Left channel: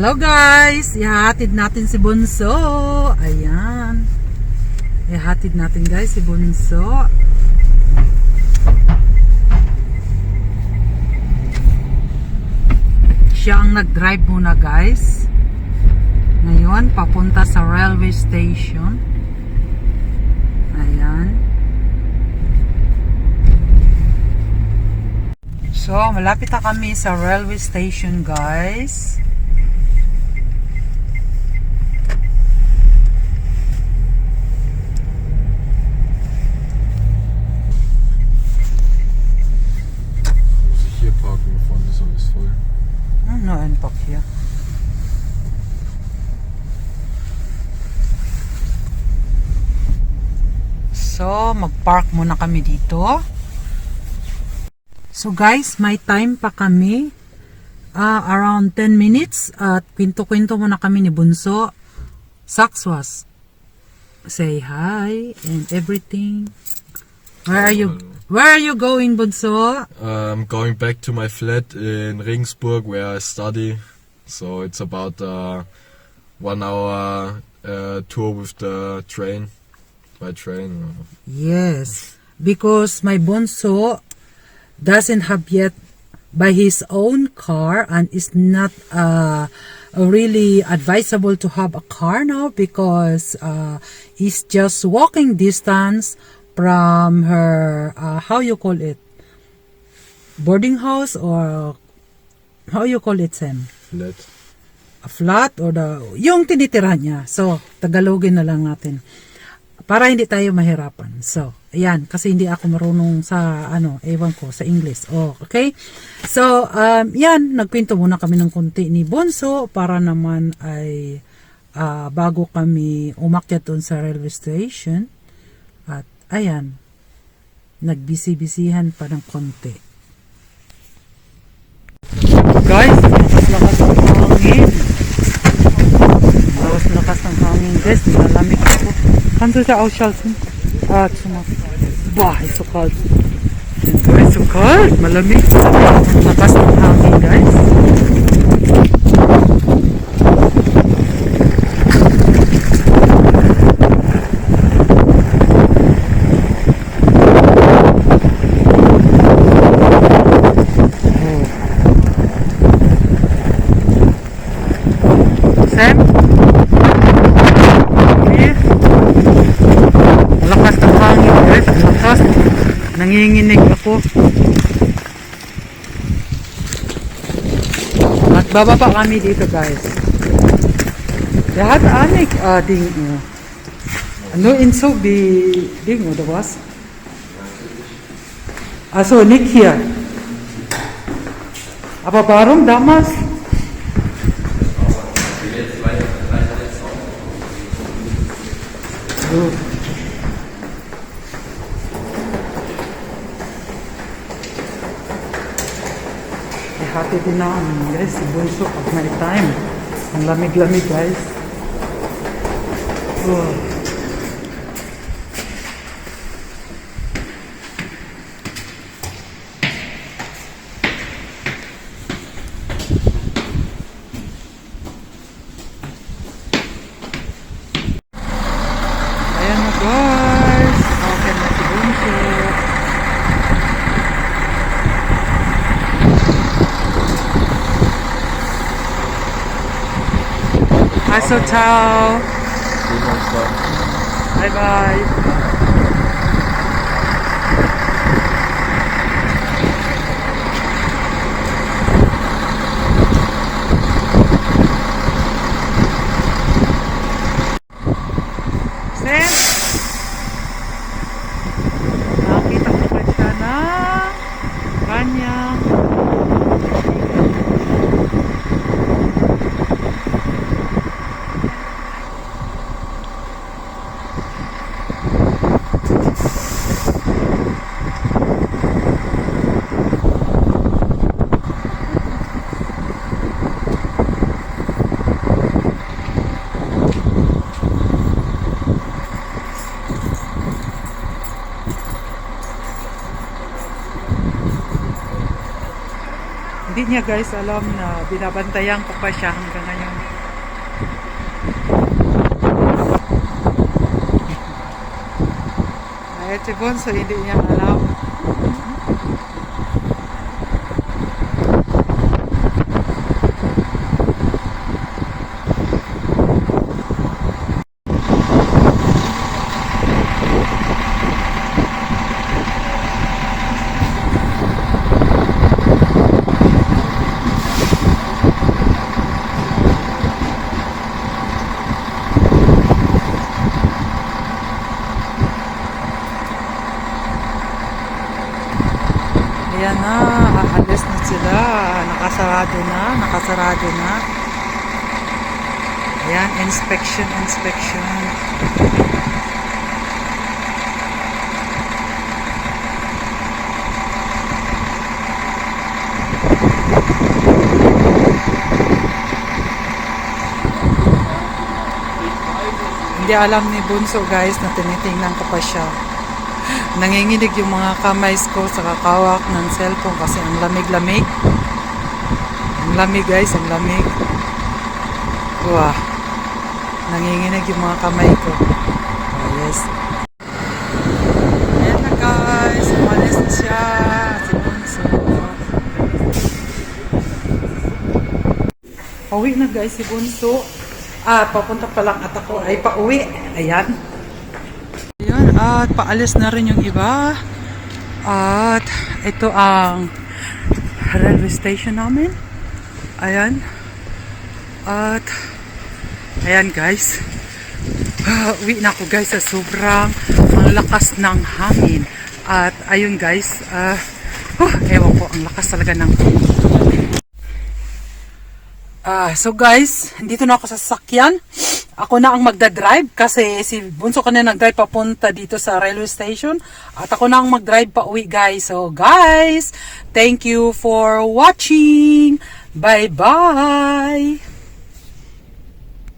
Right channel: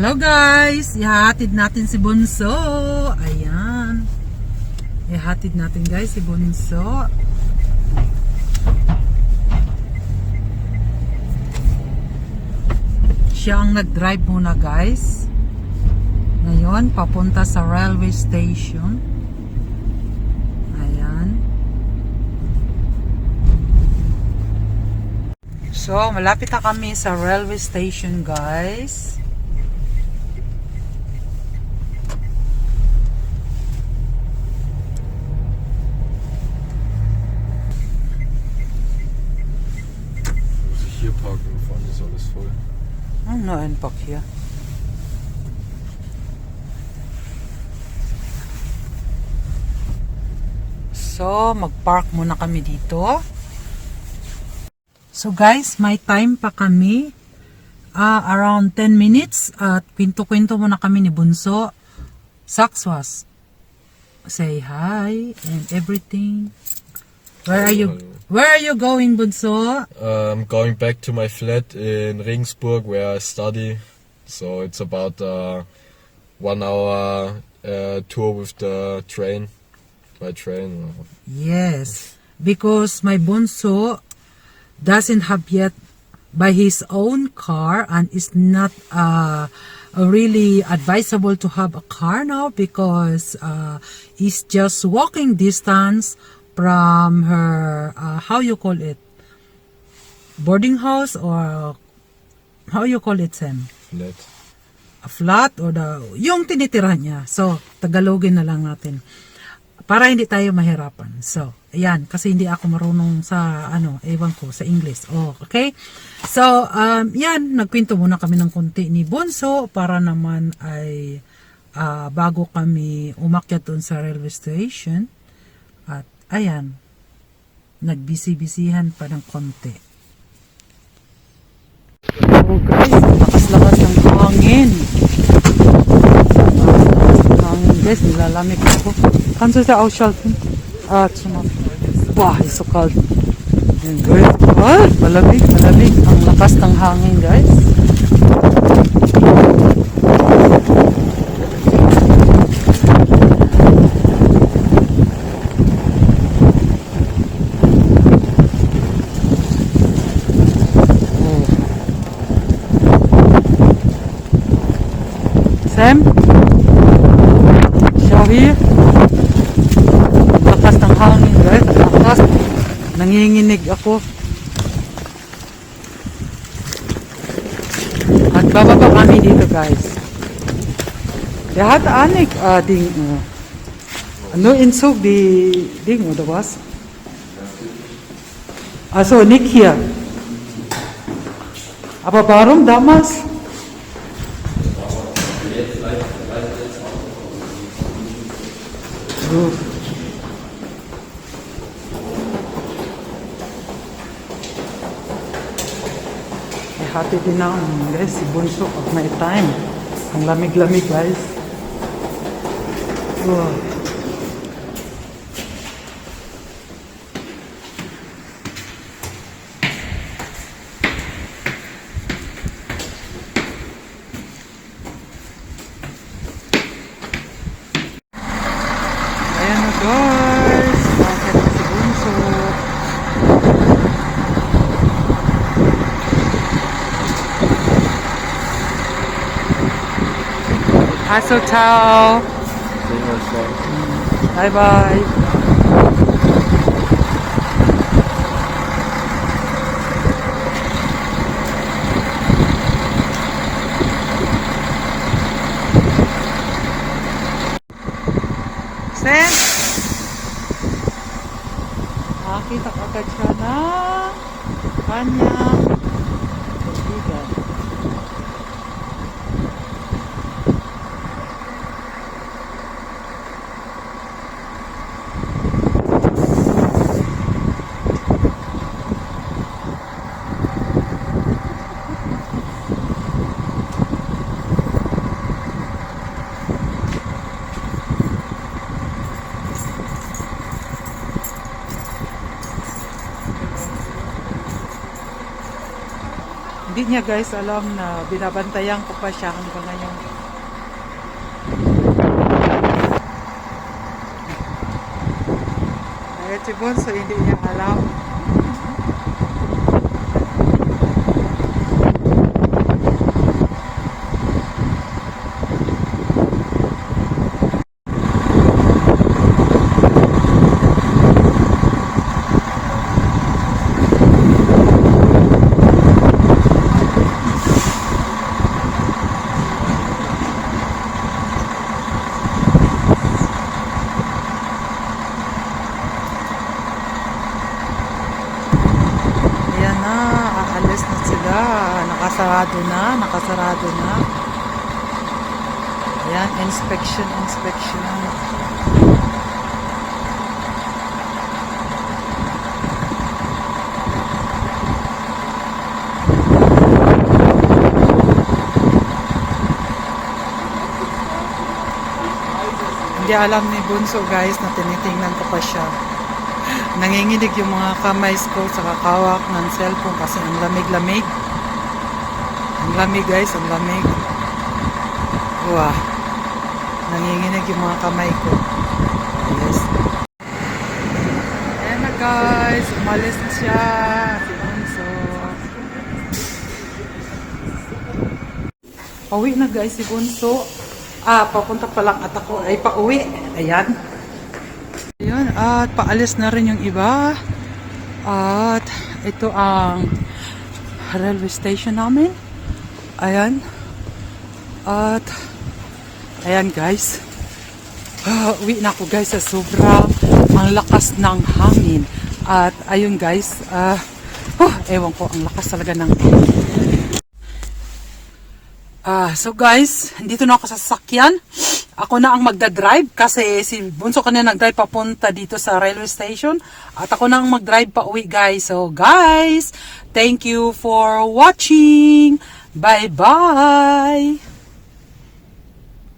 Hello guys! Ihatid natin si Bunso. Ayan. Ihatid natin guys si Bunso. Siya ang nag-drive muna guys. Ngayon, papunta sa railway station. Ayan. So, malapit na kami sa railway station guys. Hier parken, vorne ist alles voll. No, ein Park hier. So, mag-park muna kami dito. So guys, may time pa kami. Around 10 minutes. At kwento-kwento muna kami ni Bunso. Sakswas. Say hi and everything. Where are you going, Bunso? I'm going back to my flat in Regensburg where I study. So it's about 1 hour tour with the train. My train. Yes, because my Bunso doesn't have yet by his own car and is not really advisable to have a car now because he's just walking distance from her how you call it, boarding house, or how you call it, Sam? Flat. A flat or yung tinitira niya. So Tagalogin na lang natin para hindi tayo mahirapan. So ayan, kasi hindi ako marunong sa ewan ko sa English. Okay, so yan, nagkwento muna kami ng konti ni Bunso para naman ay bago kami umakyat doon sa railway station. At ayan, nagbisi-bisihan pa ng konti. Guys, lakas-lakas ng hangin. Lakas-lakas ng hangin, guys. Nilalamig ako. Kannst du da ausschalten? Boah, ist so kalt. Ist so kalt. Malamig. Ang lakas ng hangin, guys. Sam? Sorry. Lakas ng hangin guys. Lakas. Nanginginig ako. At bababa kami dito guys. Lahat anik ding ano insog di ding oder was? Also nicht hier. Aber warum damals? Ihati din na guys si Bunso pag may time. Ang lamig-lamig guys. Ayan na guys. Okay na si Bunso. Also, ciao. Sehen wir uns dann. Bye bye. Sen, nakakita agad siya ng kanyang Hindi niya guys alam na binabantayan ko pa siya hanggang ngayon. Ay, si Bunso, hindi niya alam. Ayan na, aalis na sila. Nakasarado na. Ayan, inspection. Hindi alam ni Bunso guys na tinitingnan ko pa siya. Nanginginig yung mga kamay ko sa kakawak ng cellphone kasi ang lamig-lamig. Ang lamig guys, ang lamig. Wow. Nanginginig yung mga kamay ko. Oh, yes. Ayan na guys, umalis na siya. Si Bunso. Pauwi na guys si Bunso. Papunta pa lang at ako ay pauwi. Ayan. Ayan, at paalis na rin yung iba. At ito ang railway station namin. Ayan. At ayan guys. Uwi na ako guys sa sobrang ang lakas ng hangin. At ayun guys. Ewan ko, ang lakas talaga ng hangin. So guys, dito na ako sa sasakyan. Ako na ang magdadrive kasi si Bunso kanina nagdrive papunta dito sa railway station. At ako na ang magdrive pa uwi guys. So guys, thank you for watching. Bye-bye!